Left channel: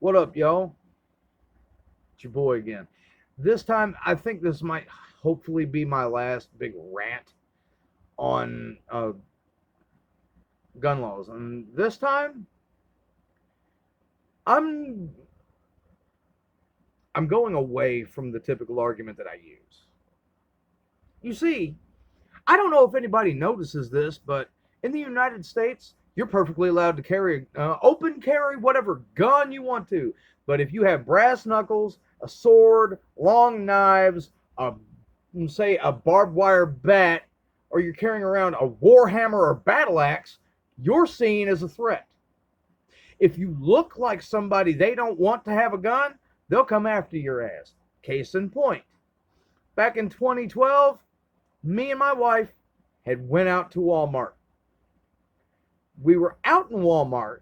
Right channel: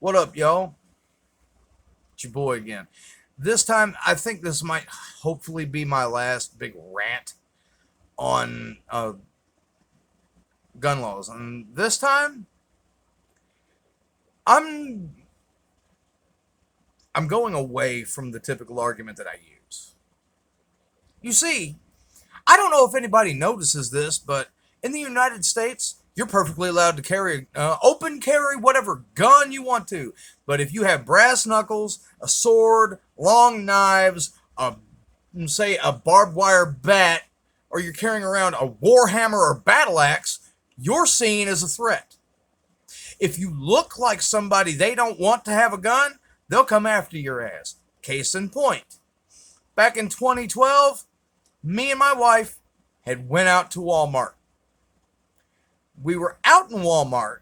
What up, y'all? It's your boy again. This time, I think this might hopefully be my last big rant on gun laws. And this time, I'm I'm going away from the typical argument that I use. You see, I don't know if anybody notices this, but in the United States, you're perfectly allowed to carry, open carry whatever gun you want to. But if you have brass knuckles, a sword, long knives, say a barbed wire bat, or you're carrying around a war hammer or battle axe, you're seen as a threat. If you look like somebody they don't want to have a gun, they'll come after your ass. Case in point, back in 2012, me and my wife had went out to Walmart. We were out in Walmart,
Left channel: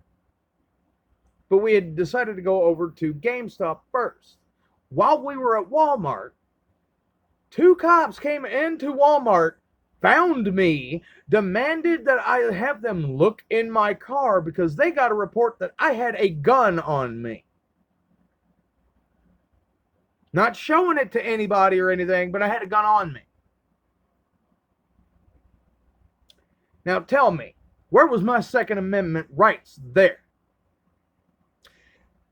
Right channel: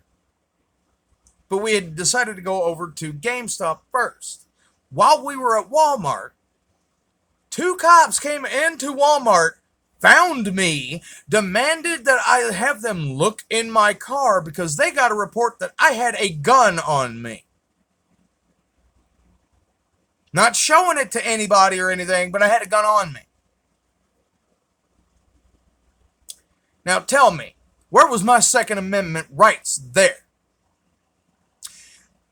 but we had decided to go over to GameStop first. While we were at Walmart, two cops came into Walmart, found me, demanded that I have them look in my car because they got a report that I had a gun on me. Not showing it to anybody or anything, but I had a gun on me. Now tell me, where was my Second Amendment rights there?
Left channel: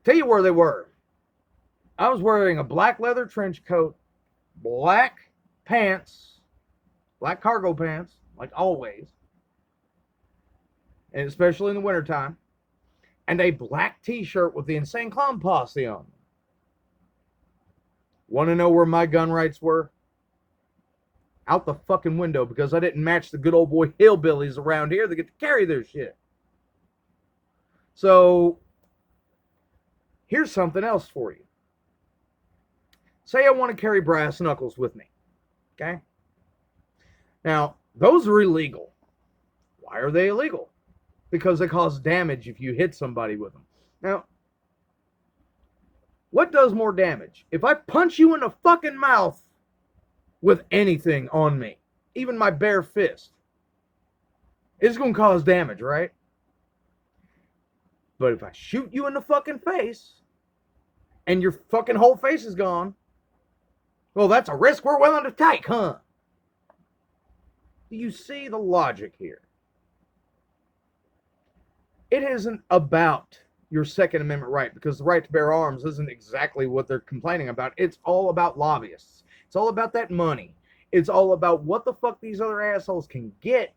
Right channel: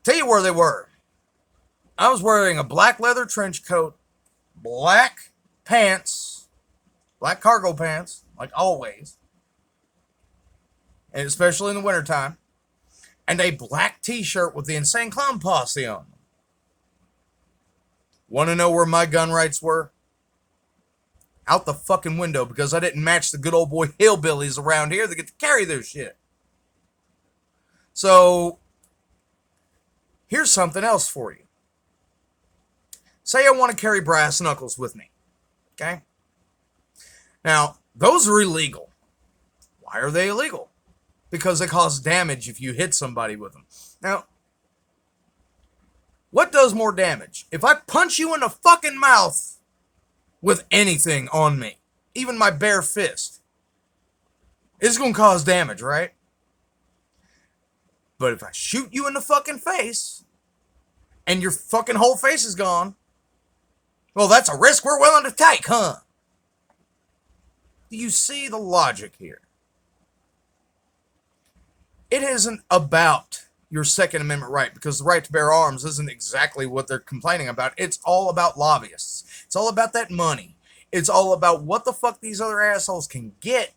Tell you where they were. I was wearing a black leather trench coat, black pants, black cargo pants, like always, and especially in the wintertime, and a black t-shirt with the Insane Clown Posse on them. Want to know where my gun rights were? Out the fucking window, because I didn't match the good old boy hillbillies around here that get to carry their shit. So, here's something else for you. Say I want to carry brass knuckles with me. Okay? Now, those are illegal. Why are they illegal? Because they cause damage if you hit somebody with them. Now, what does more damage? If I punch you in the fucking mouth with anything on me, even my bare fist, it's going to cause damage, right? But if I shoot you in the fucking face and your fucking whole face is gone, well, that's a risk we're willing to take, huh? Do you see the logic here? It isn't about your Second Amendment right, because the right to bear arms isn't exactly what they're complaining about. It's all about lobbyists. It's all about that money. It's all about what the fuck these other assholes can get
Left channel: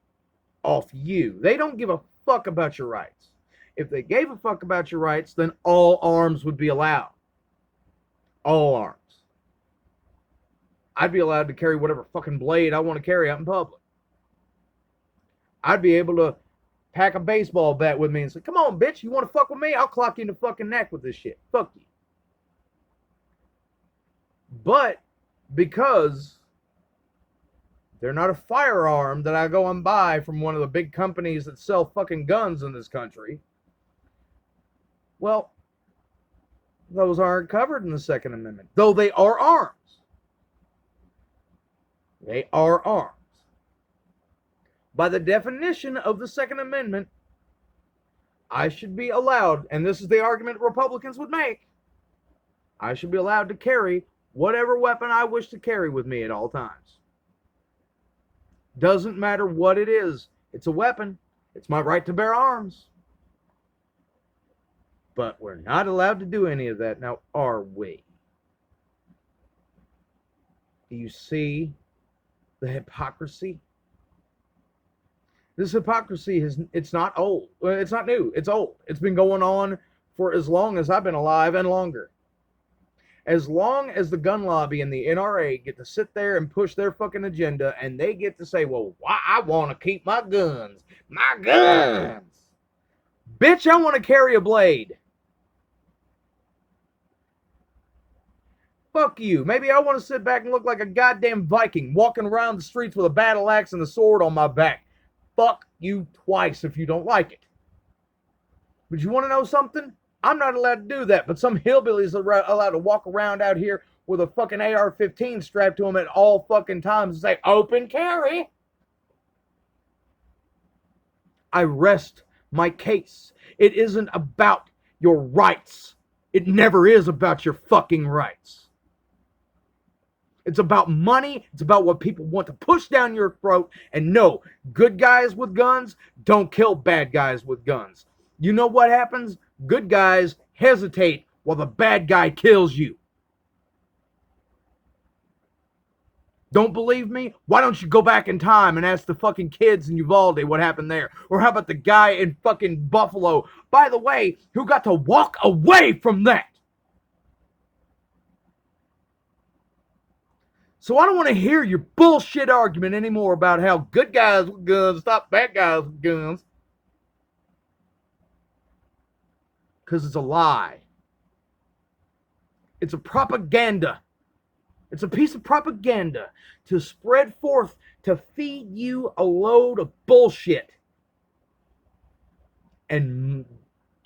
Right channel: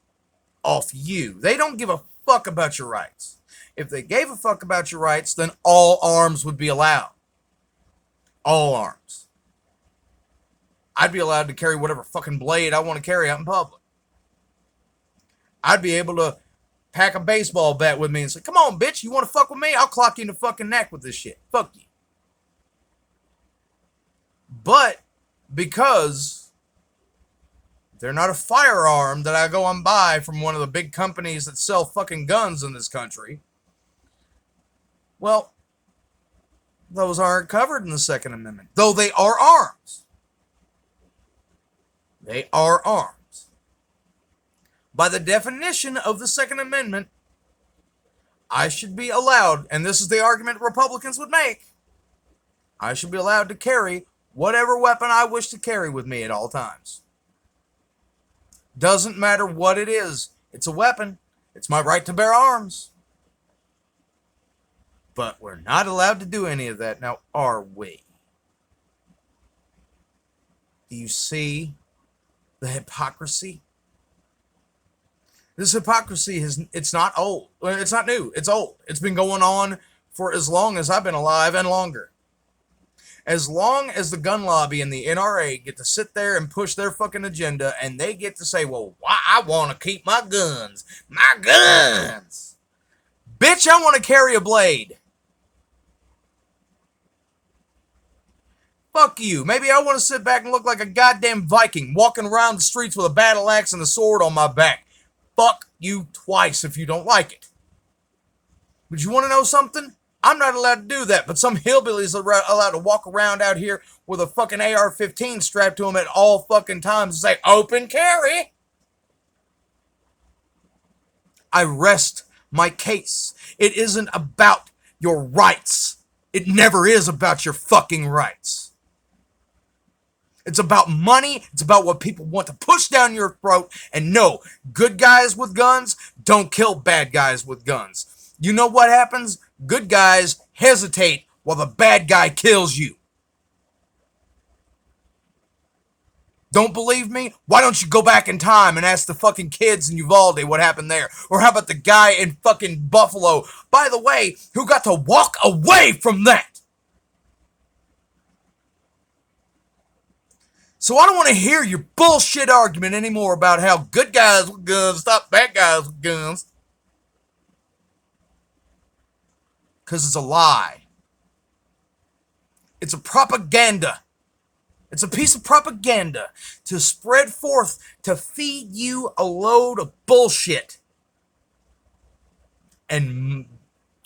off you. They don't give a fuck about your rights. If they gave a fuck about your rights, then all arms would be allowed. All arms. I'd be allowed to carry whatever fucking blade I want to carry out in public. I'd be able to pack a baseball bat with me and say, come on, bitch, you want to fuck with me? I'll clock you in the fucking neck with this shit. Fuck you. But because they're not a firearm that I go and buy from one of the big companies that sell fucking guns in this country, well, those aren't covered in the Second Amendment, though they are arms. They are arms. By the definition of the Second Amendment, I should be allowed, and this is the argument Republicans would make, I should be allowed to carry whatever weapon I wish to carry with me at all times. Doesn't matter what it is. It's a weapon. It's my right to bear arms. But we're not allowed to do any of that. Now, are we? Do you see the hypocrisy? This hypocrisy it's not old. It's not new. It's old. It's been going on for as long as I've been alive and longer. As long as the gun lobby and the NRA get to sit there and push their fucking agenda and they get to say, well, why I want to keep my guns. My guns. Bitch, I want to carry a blade. Fuck you. Maybe I want to sit back and look like a goddamn Viking walking around the streets with a battle axe and a sword on my back. Fuck you twice if you don't like it. But you want to know something? I'm not allowed to do that, but some hillbillies are allowed to walk around out here with a fucking AR-15 strapped to them at all fucking times and say, open carry. I rest my case. It isn't about your rights. It never is about your fucking rights. It's about money. It's about what people want to push down your throat. And no, good guys with guns don't kill bad guys with guns. You know what happens? Good guys hesitate while the bad guy kills you. Don't believe me? Why don't you go back in time and ask the fucking kids in Uvalde what happened there? Or how about the guy in fucking Buffalo, by the way, who got to walk away from that? So I don't want to hear your bullshit argument anymore about how good guys with guns stop bad guys with guns. Because it's a lie. It's a propaganda. It's a piece of propaganda to spread forth to feed you a load of bullshit. And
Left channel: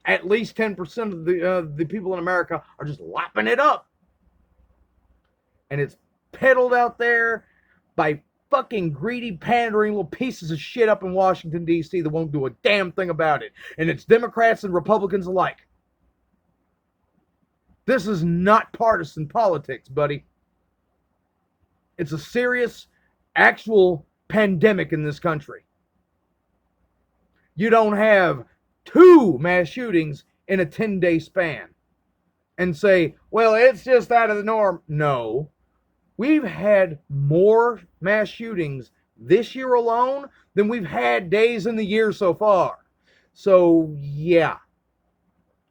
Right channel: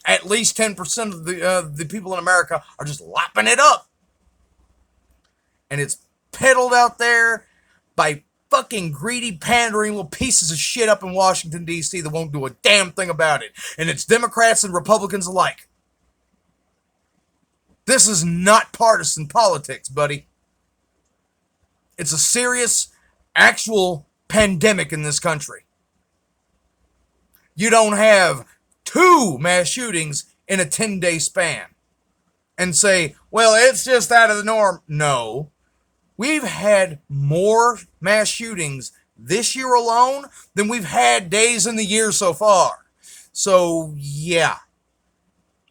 at least 10% of the people in America are just lapping it up. And it's peddled out there by fucking greedy, pandering little pieces of shit up in Washington, D.C. that won't do a damn thing about it. And it's Democrats and Republicans alike. This is not partisan politics, buddy. It's a serious, actual pandemic in this country. You don't have 2 mass shootings in a 10-day span and say, well, it's just out of the norm. No. We've had more mass shootings this year alone than we've had days in the year so far. So, yeah.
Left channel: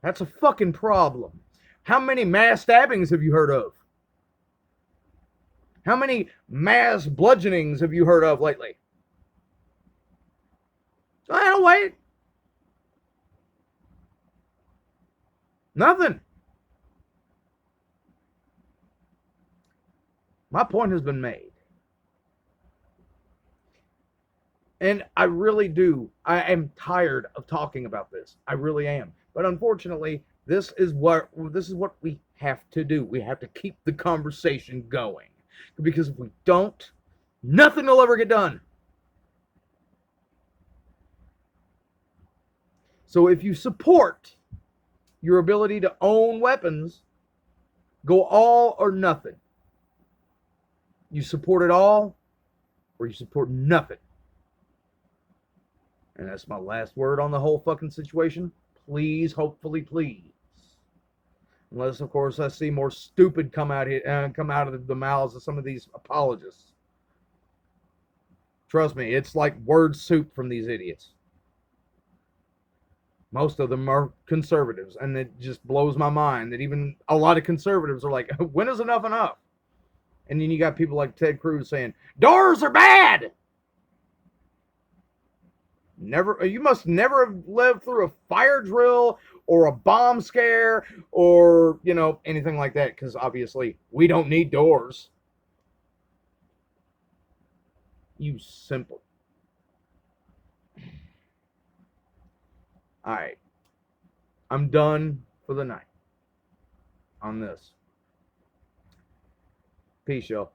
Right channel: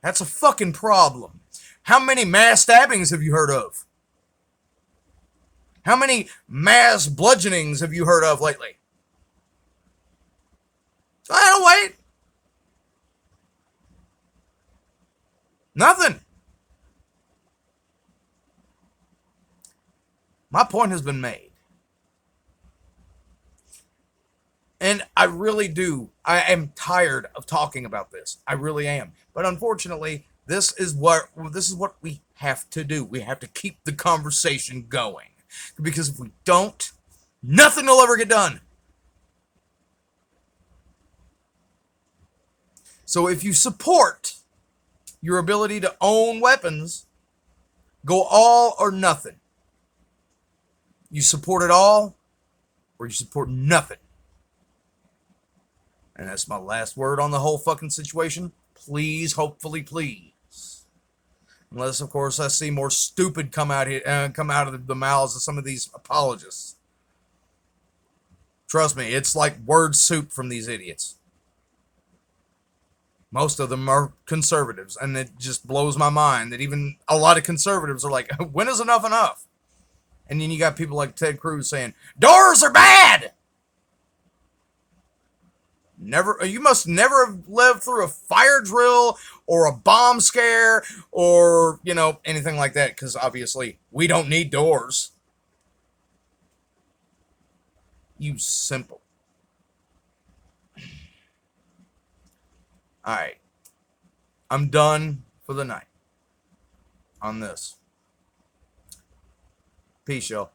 That's a fucking problem. How many mass stabbings have you heard of? How many mass bludgeonings have you heard of lately? Oh, wait. Nothing. My point has been made. And I really do. I am tired of talking about this. I really am. But unfortunately, this is what we have to do. We have to keep the conversation going. Because if we don't, nothing will ever get done. So if you support your ability to own weapons, go all or nothing. You support it all, or you support nothing. And that's my last word on the whole fucking situation. Please, hopefully, please. Unless, of course, I see more stupid come out of the mouths of some of these apologists. Trust me, it's like word soup from these idiots. Most of them are conservatives, and it just blows my mind that even a lot of conservatives are like, when is enough enough? And then you got people like Ted Cruz saying, doors are bad! You must never have lived through a fire drill or a bomb scare or, anything like that, because obviously we don't need doors. You simple. Alright. I'm done for the night on this. Peace, y'all.